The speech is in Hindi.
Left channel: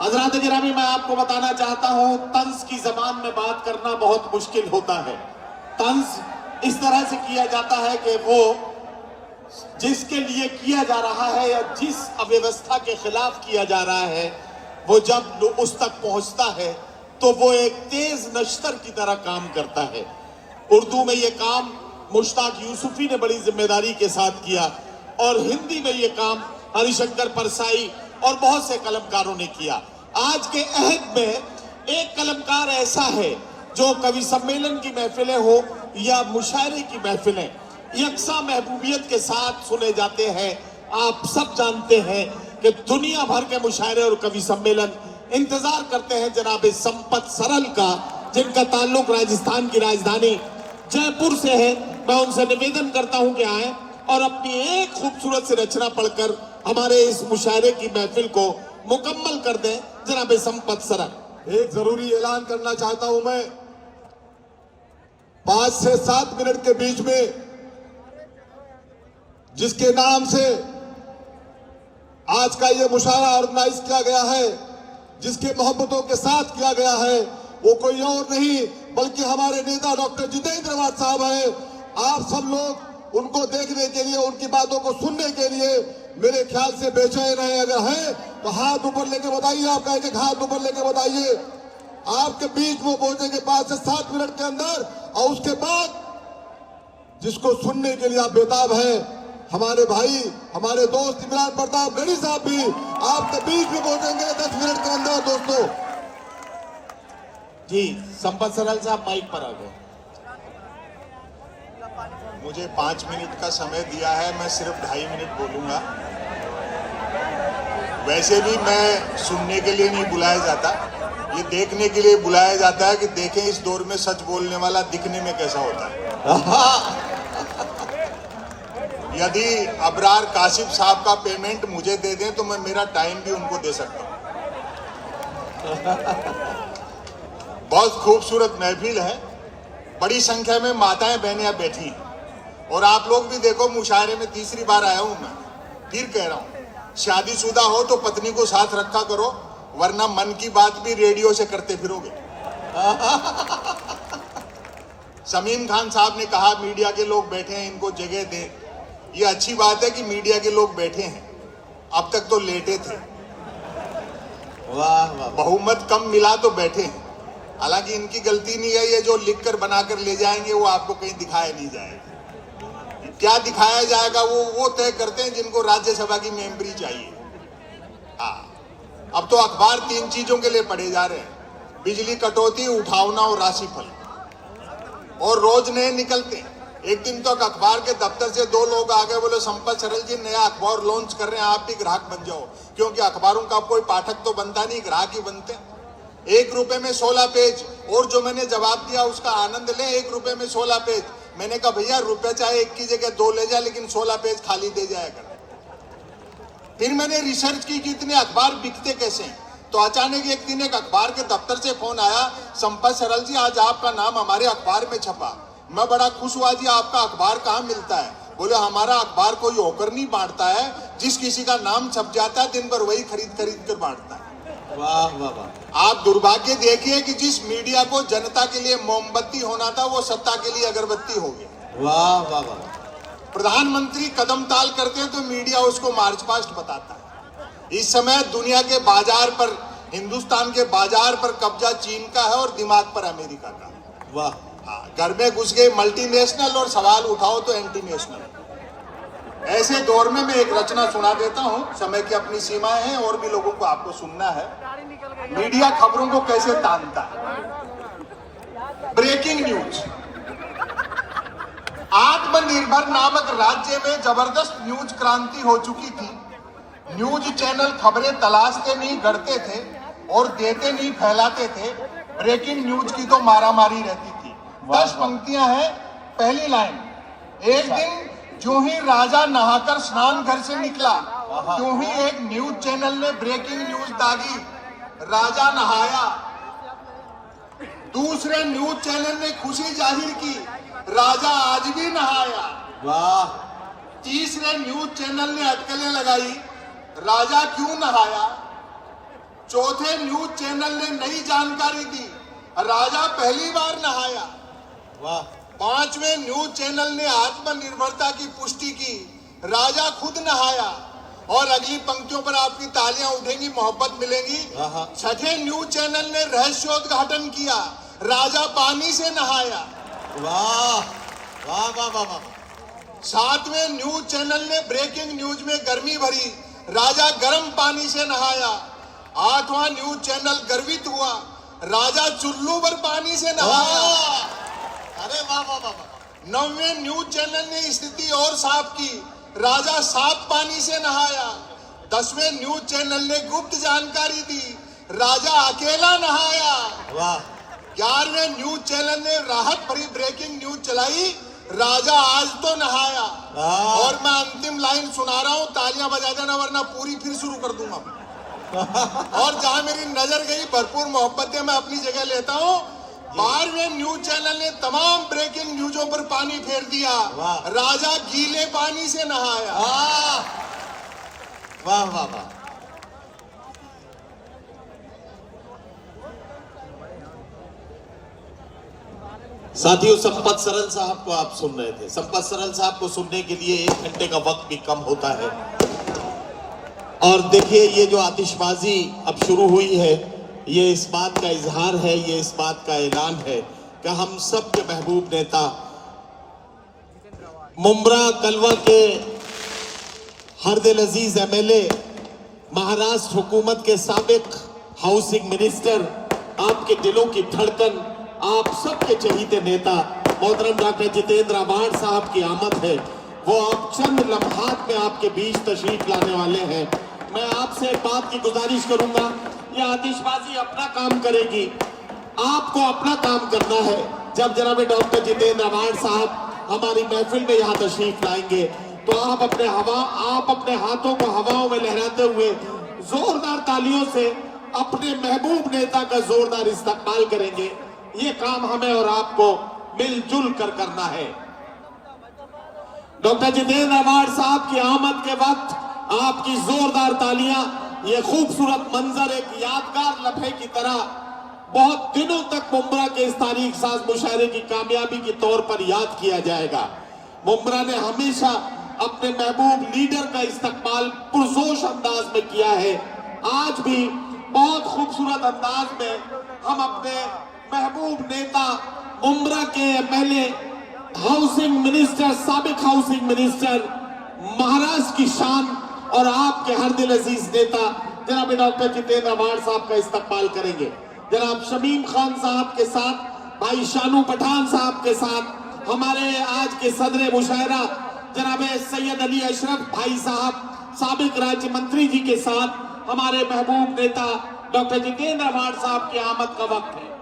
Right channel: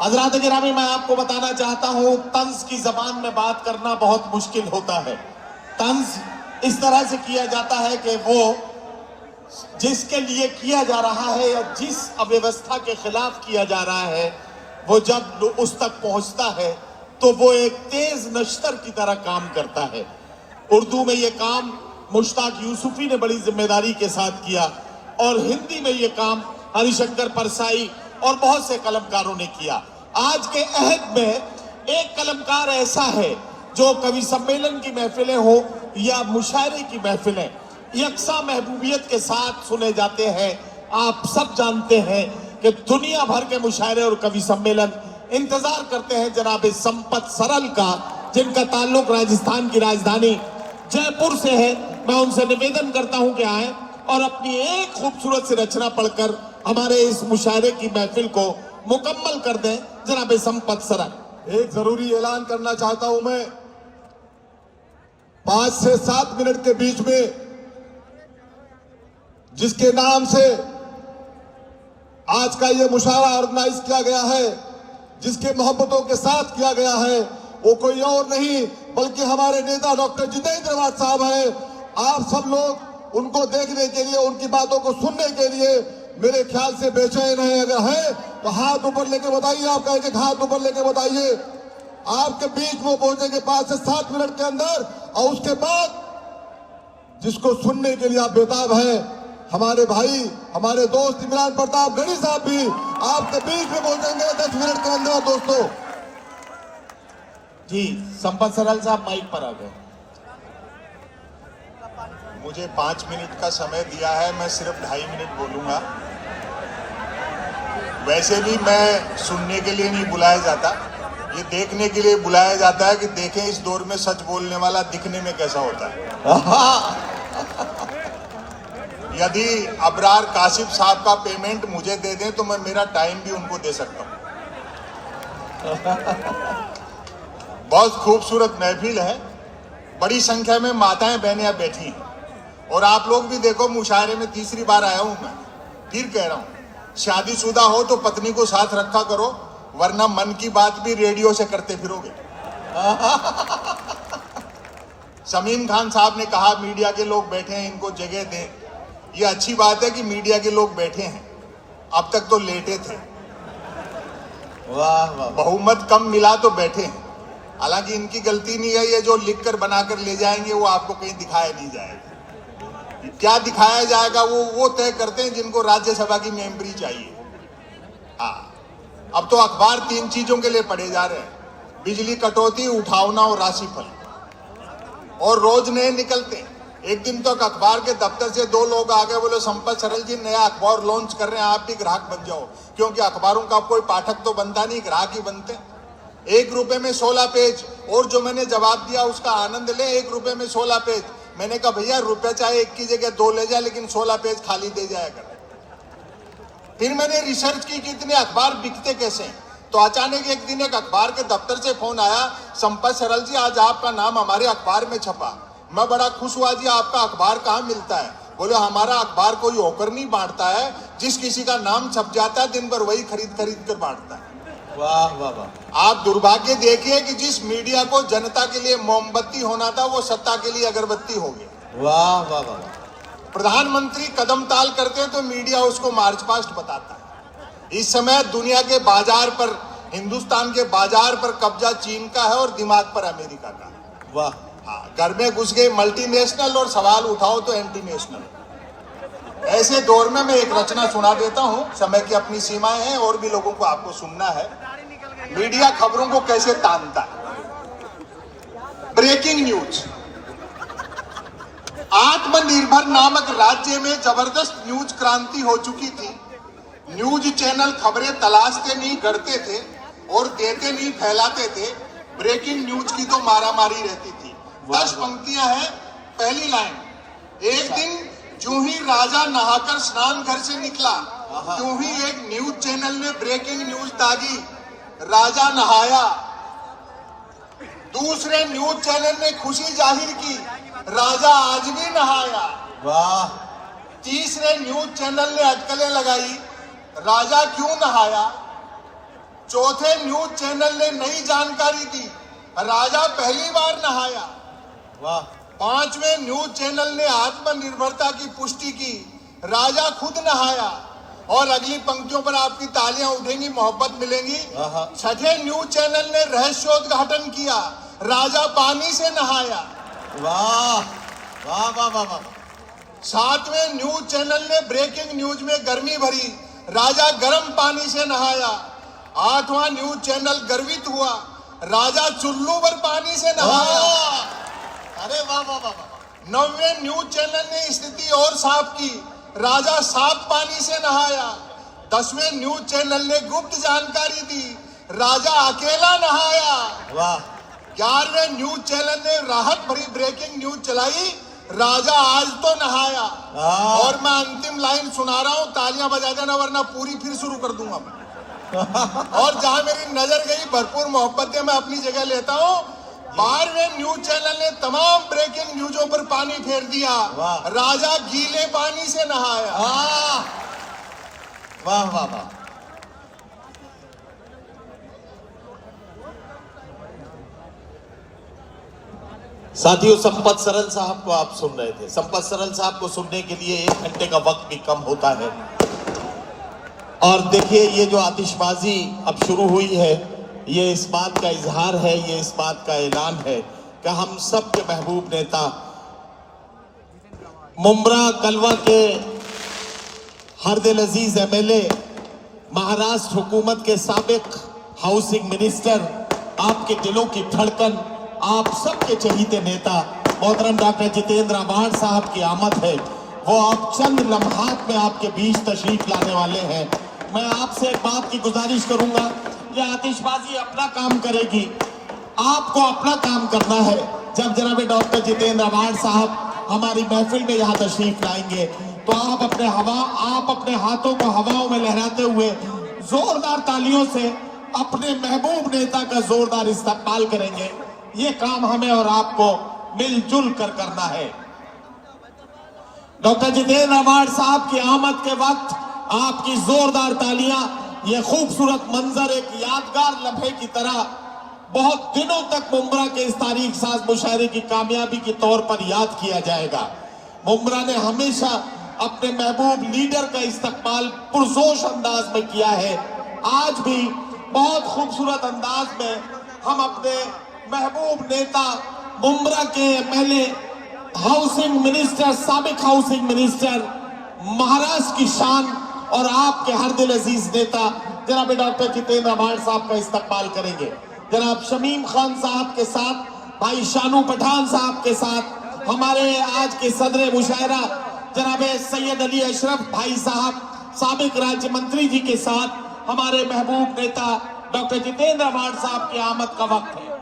हज़रात गिरामी, मैं आपको बताना चाहता हूं, तंज की जबान में बात करना बहुत मुश्किल होता है। तंज इस तरह से किया जाता है कि वो जिसके लिए किया जा रहा है या जिस अव्यवस्था के खिलाफ किया जा रहा है, वो जब उस तक पहुंचता है तो वो एक तेज नश्तर की तरह काम करता है। उर्दू में ये काम मुश्ताक यूसुफी ने बड़ी जिम्मेदारी के साथ किया और हिंदी में ये काम हरिशंकर परसाई और बहुत से कलमकारों ने किया। आज के अहद में एक कलमकार ऐसा है जो कवि सम्मेलन की महफिलें हो या मुशायरे की महफिलें यकसा महबूबियत के साथ सुने जाते हैं। आप सब जानते हैं कि दुनिया भर के मुशायरे और कवि सम्मेलन इंतजार करते हैं जनाब संपत सरल का, जिनका ताल्लुक राजस्थान की राजधानी जयपुर से है। मैं उनसे निवेदन करता हूं कि आए और अपनी एक खूबसूरत सी रचना पढ़कर हमारे इस मुशायरे की महफिल को मुकम्मल कर दें। जनाब संपत सरल। एक जरूरी ऐलान करना चाहता हूं मैं, 5 से 7 मिनट के बीच में जिसके नाम से आज का ये मुशायरा ऑर्गेनाइज किया गया है, जिसके मोहब्बतों के साथ किया गया है, वो कोई और नहीं बल्कि हमारे नेता डॉक्टर जितेंद्र अहमद साहब है। आप सब लोग उनको देखने के लिए, उनकी बातों को सुनने के लिए मेरे ख्याल से बेचैन है। अगर है तो हाथ ऊपर लेके बताइए, आपका एक हाथ ऊपर लेके बताइए। आपके बीच वो पहुंचेंगे 5 से 7 मिनट के अंदर, और उसके बाद जिसको सुनने के लिए आप बेताब हैं, हमारे भाई, हमारे दोस्त इमरान प्रताप गढ़ी साहब भी आपके बीच में पहुंचेंगे 10 मिनट के अंदर। दोस्तों जी, संपत सरल साहब माइक पर आ गए। मुझे 5 मिनट का समय दिया है, मैं सिर्फ 2.5 मिनट बोलूंगा। वैसे भी मैं सुनने के लिए नहीं बुलाया जाता, ये देखने के लिए बुलाया जाता है कि देखें इस दौर में सच बोलने वाला दिखने में कैसा होता है। यदि अबरार काशिफ साहब का पेमेंट मुझे दे दें तो मैं मेरा टाइम भी उनको दे सकता हूं। बहुत खूबसूरत महफिल है, बड़ी संख्या में माताएं बहनें बैठी हैं, और आप लोग भी देखो, मुशायरे में तीसरी बार आया हूं मैं, फिर कह रहा हूं, शादीशुदा हो तो पत्नी को साथ रखा करो, वरना मन की बात भी रेडियो से करते फिरोगे। समीम खान साहब ने कहा मीडिया के लोग बैठे हैं, इनको जगह दें। ये अच्छी बात है कि मीडिया के लोग बैठे हैं, अब तक तो लेटे थे। वाह वाह, बहुमत कम मिला तो बैठे हैं। हालांकि इनकी गलती नहीं है, ये जो लिखकर बनाकर ले जाएंगे वो आपको कहीं दिखाया नहीं जाएगा। क्या दिखाया जाएगा वो तय करते हैं जिनको राज्यसभा की मेंबरी चाहिए। हाँ, अब तो अखबार 3 चीजों के लिए पढ़े जा रहे हैं, बिजली कटौती, उठावना और राशिफल, और रोज नए निकलते हैं। एक दिन तो अखबार के दफ्तर से 2 लोग आ गए, बोले संपत सरल जी नया अखबार लॉन्च कर रहे हैं, आप भी ग्राहक बन जाओ, क्योंकि अखबारों का कोई पाठक तो बनता नहीं, ग्राहक ही बनते हैं। 1 रुपए में 16 पेज, और जो मैंने जवाब दिया उसका आनंद ले, 1 रुपए में 16 पेज। मैंने कहा भैया रुपए चाहे 1 की जगह 2 ले जाए, लेकिन 16 पेज खाली दे जाया कर। फिर मैंने रिसर्च की कि इतने अखबार बिकते कैसे हैं, तो अचानक एक दिन एक अखबार के दफ्तर से फोन आया, संपत सरल जी आज आपका नाम हमारे अखबार में छपा। मैं बड़ा खुश हुआ, जी आपका अखबार कहाँ मिलता है? बोले हमारा अखबार कोई होकर नहीं बांटता है, जिस किसी का नाम छप जाता है दिन भर वही खरीद कर बांटता है। वाह वाह वाह। आप दुर्भाग्य देखिए कि जिस मीडिया को जनता के लिए मोमबत्ती होना था वो सत्ता के लिए अगरबत्ती हो गया। वाह वाह वाह। प्रधानमंत्री कदम ताल करते हैं तो मीडिया उसको मार्च पास्ट बताता है। इस समय दुनिया के बाजार पर, हिंदुस्तान के बाजार पर कब्जा चीन का है और दिमाग पर अमेरिका का। वाह। हाँ, घर में घुस गए मल्टीनेशनल और सवाल उठाओ तो एंटी नेशनल। ऐसे दौर में मैं एक रचना सुना देता हूँ, समय की अपनी सीमाएं हैं और भी लोगों को आपको सुनना है। मीडिया खबरों को कैसे तानता है। Breaking news. आत्मनिर्भर नामक राज्य में जबरदस्त न्यूज क्रांति हो चुकी थी। न्यूज चैनल खबरें तलाशते नहीं, गढ़ते थे, और देते नहीं, फैलाते थे। ब्रेकिंग न्यूज की तो मारामारी रहती थी। 10 पंक्तियां हैं। पहली लाइन, एक दिन जो ही राजा नहाकर स्नान घर से निकला, जो ही एक न्यूज चैनल ने ब्रेकिंग न्यूज दागी, राजा नहाया। दूसरे न्यूज चैनल ने खुशी जाहिर की, राजा आज भी नहाया। वाह। तीसरे न्यूज चैनल ने अटकलें लगाई, राजा क्यों नहाया। चौथे न्यूज चैनल ने नई जानकारी दी, राजा पहली बार नहाया। वाह। पांचवें न्यूज चैनल ने आत्मनिर्भरता की पुष्टि की, राजा खुद नहाया। और अगली पंक्तियों पर आपकी तालियां उठेंगी, मोहब्बत मिलेंगी। छठे न्यूज चैनल ने रहस्योद्घाटन किया, राजा पानी से नहाया। वाह वाह वाह वाह वाह। सातवें न्यूज चैनल ने ब्रेकिंग न्यूज में गर्मी भरी, राजा गर्म पानी से नहाया। आठवां न्यूज चैनल गर्वित हुआ, राजा चुल्लू पर पानी से नहाया। अरे वाह वाह वाह वाह। नौवें न्यूज चैनल ने स्थिति और साफ की, राजा साफ पानी से नहाया। 10वें न्यूज चैनल ने गुप्त जानकारी दी, राजा अकेला नहाया। वाह। 11वें न्यूज चैनल ने राहत भरी ब्रेकिंग न्यूज चलाई, राजा आज तो नहाया। और मैं अंतिम लाइन सुना रहा हूं, तालियां बजा देना वरना पूरी फिर शुरू कर दूंगा मैं। और जहां मेरी नजर गई, भरपूर मोहब्बत है, मैं अपनी जगह लेता हूं। 12वें न्यूज चैनल ने तमाम ब्रेकिंग न्यूजों पर पानी फेर दिया, राजा गीले पानी से नहाया। वाह वाह वाह। साथियों, संपत सरल साहब को आप सुन रहे थे। संपत सरल साहब को सुनने के लिए 1 घंटे का वक्त भी कम होता है। और देखिए, ये जो आतिशबाजी अब शुरू हुई है, ये इस बात का इजहार है, ये इस बात का ऐलान है कि हम सब के महबूब नेता मुंब्रा कलवा के हरदिल अजीज एमएलए, महाराष्ट्र हुकूमत के साबिक हाउसिंग मिनिस्टर, आपके दिलों की धड़कन, आप सबके चहीते नेता मोहतरम डॉक्टर जितेंद्र आव्हाड साहब की आमद है। वो आप चंद लम्हात में आपके बीच तशरीफ लाने वाले हैं। मैं आपसे एक बात की गुजारिश करूंगा, ये आतिशबाजी अपना काम करेगी, आपको अपना काम करना है। जब जनाब डॉक्टर जितेंद्र आव्हाड साहब हमारी महफिल में यहाँ तशरीफ लाएंगे तो आप अपने हाथों को हवाओं में लहराते हुए जोरदार तालियों से अपने महबूब नेता का जोरदार इस्तकबाल करेंगे। ये काम हमें और आपको मिलजुल कर करना है। डॉक्टर जितेंद्र आव्हाड साहब की आमद के वक्त आपकी जोरदार तालियां, ये खूबसूरत मंजर एक यादगार लम्हे की तरह बहुत दिनों तक मुंब्रा के इस तारीख साज मुशायरे की कामयाबी के तौर पर याद किया जाएगा। मुंब्रा ने हमेशा अपने महबूब लीडर का इस्तकबाल पुरजोश अंदाज में किया है। आज भी बहुत खूबसूरत अंदाज में हम अपने महबूब नेता मुंब्रा के एमएलए, हाउसिंग मिनिस्टर, साबिक हाउसिंग मिनिस्टर, महाराष्ट्र की शान और आपके हरदिल अजीज नेता जनाब डॉक्टर जितेंद्र आव्हाड साहब का इस्तकबाल करेंगे। जनाब शमीम खान साहब के साथ, भाई शानू पठान साहब के साथ, हमारे आज के सदर मुशायरा जनाब सैयद अली अशरफ भाई साहब, साबिक राज्य मंत्री जी के साथ हमारे महबूब नेता डॉक्टर जितेंद्र आव्हाड साहब की आमद का वक्त है।